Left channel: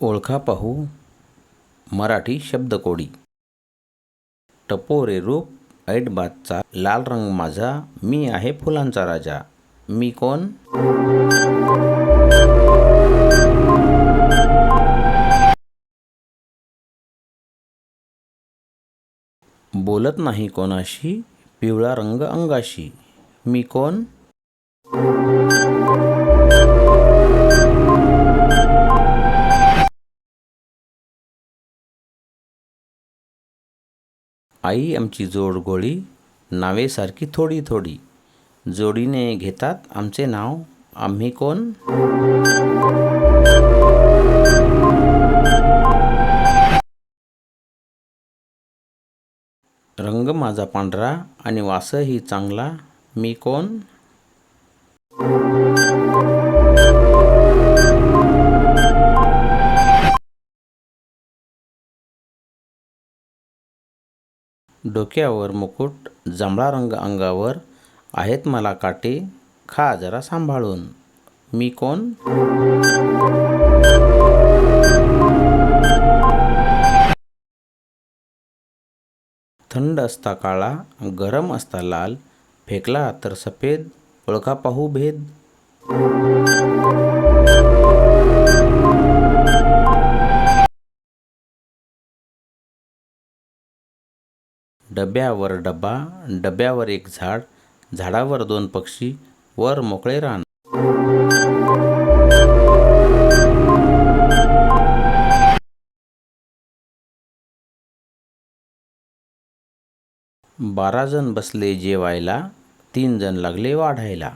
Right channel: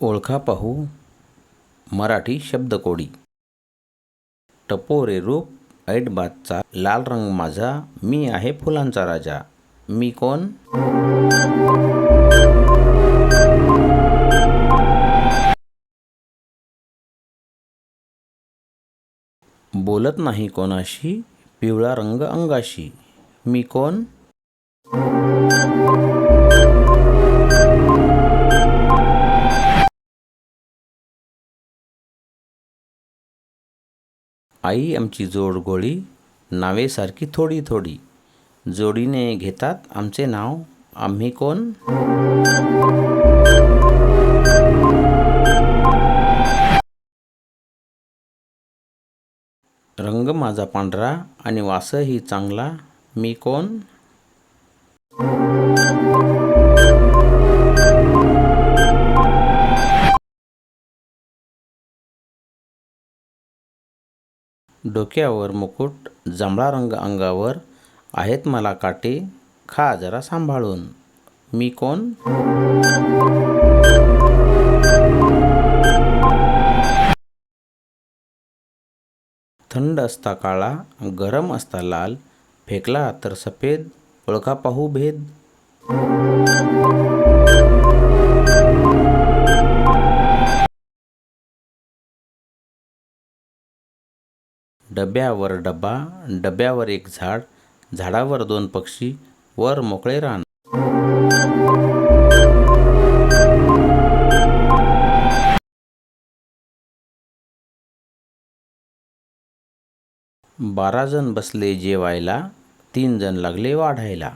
ओळखा पाहू मराठी शब्दकोडी. टपोरे रूप ऐटबाजचा लाल रंग माझा मी आहे फुलांचा राजा. मी कोण? बोलत नाही कोणाशी पिवळा रंग अंगाशी. मी कोण? आई आमची जोड गोळी नावेसारखी थोडी थोडी. जोडीने घेतात आमचे नाव आम्ही कोण? रंग माझा पांढरा आणि वासही चांगला मी कोण? डोक्यावर मुकुट जांभळा रंग अंगावर आहेत मला काटे खा जरा सांभाळून. मी कोण? थंड असता काळा गरम असता लाल फेकला तर सफेद ओळखा पाहू भेद. डब्यावर डबा डब्यावर एक झाड झाडावर दोन पक्षी वर मोकळे रान. बारा जण बसले जेवायला तीन जण लागले वाढायला.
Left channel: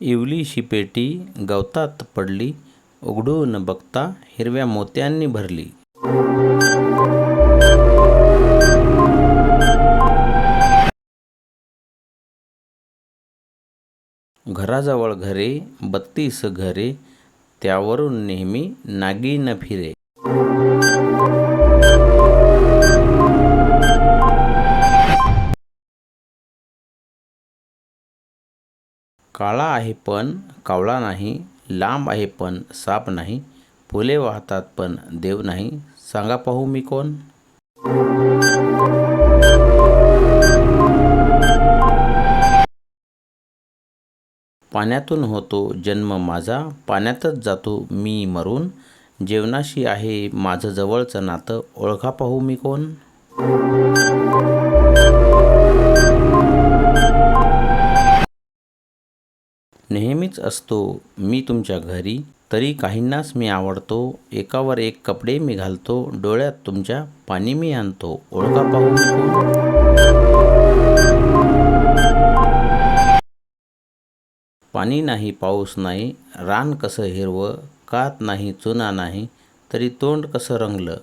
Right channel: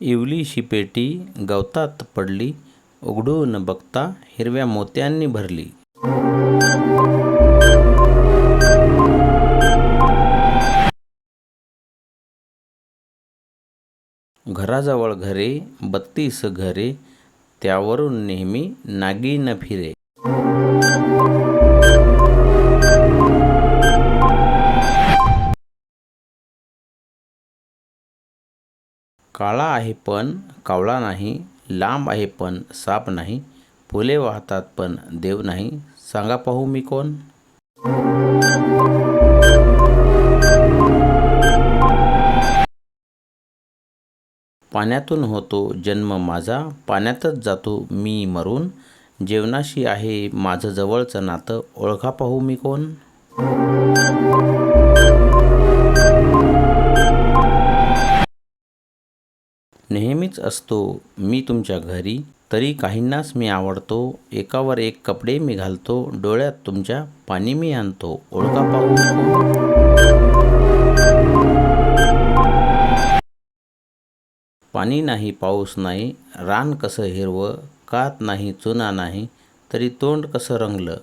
इवलीशी पेटी गवतात पडली उघडून बघता हिरव्या मोत्यांनी भरली. घराजवळ घरे बत्तीस घरे त्यावरून नेहमी नागिन फिरे. काळा आहे पण कावळा नाही लांब आहे पण साप नाही फुले वाहतात पण देव नाही. सांगा पाहू मी कोण? पाण्यातून होतो जन्म माझा पाण्यातच जातो मी मरून. जेवणाशी आहे माझं जवळचं नातं ओळखा पाहू मी कोण? नेहमीच असतो. मी तुमच्या घरी तरी काहींनाच मी आवडतो. एकावर एक कपडे मी घालतो. डोळ्यात तुमच्या पाणी मी आणतो. ओळखा पाहू मी कोण? पाणी नाही पाऊस नाही रान कसं हिरवं कात नाही चुना नाही तरी तोंड कसं रंगलं?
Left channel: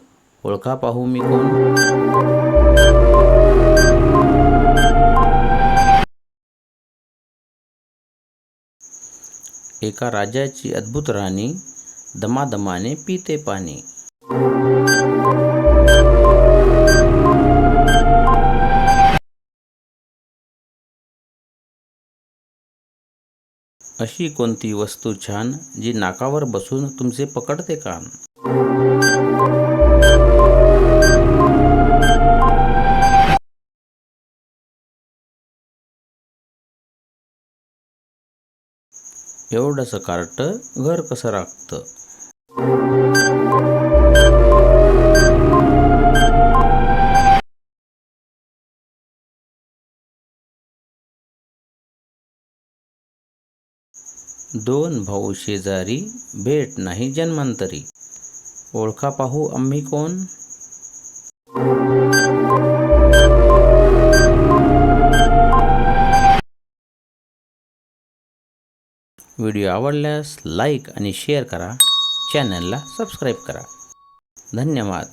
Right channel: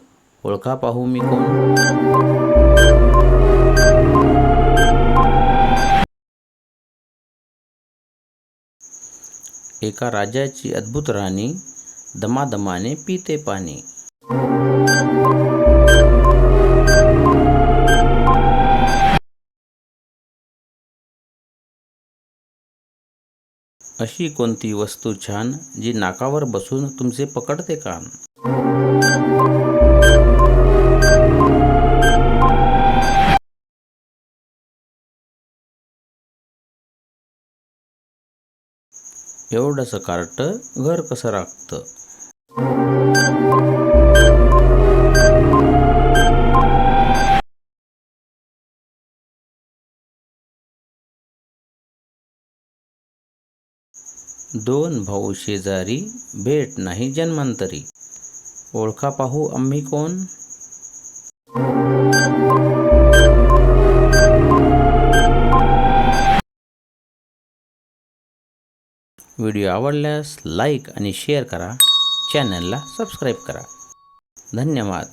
ओळखा पाहू मी कोण? एका राजाची अद्भुत राणी दमादमाने पिते पाणी. अशी कोणती वस्तू छान जी नाकावर बसून तुमचे पकडते कान एवढंसं कार्ट घर कसं राखतं? दोन भाऊ शेजारी भेट नाही जन्मांतरी. ओळखा पाहू आम्ही कोण? व्हिडिओ आवडल्यास लाईक आणि शेअर करा. चॅनलला सबस्क्राईब करा. धन्यवाद.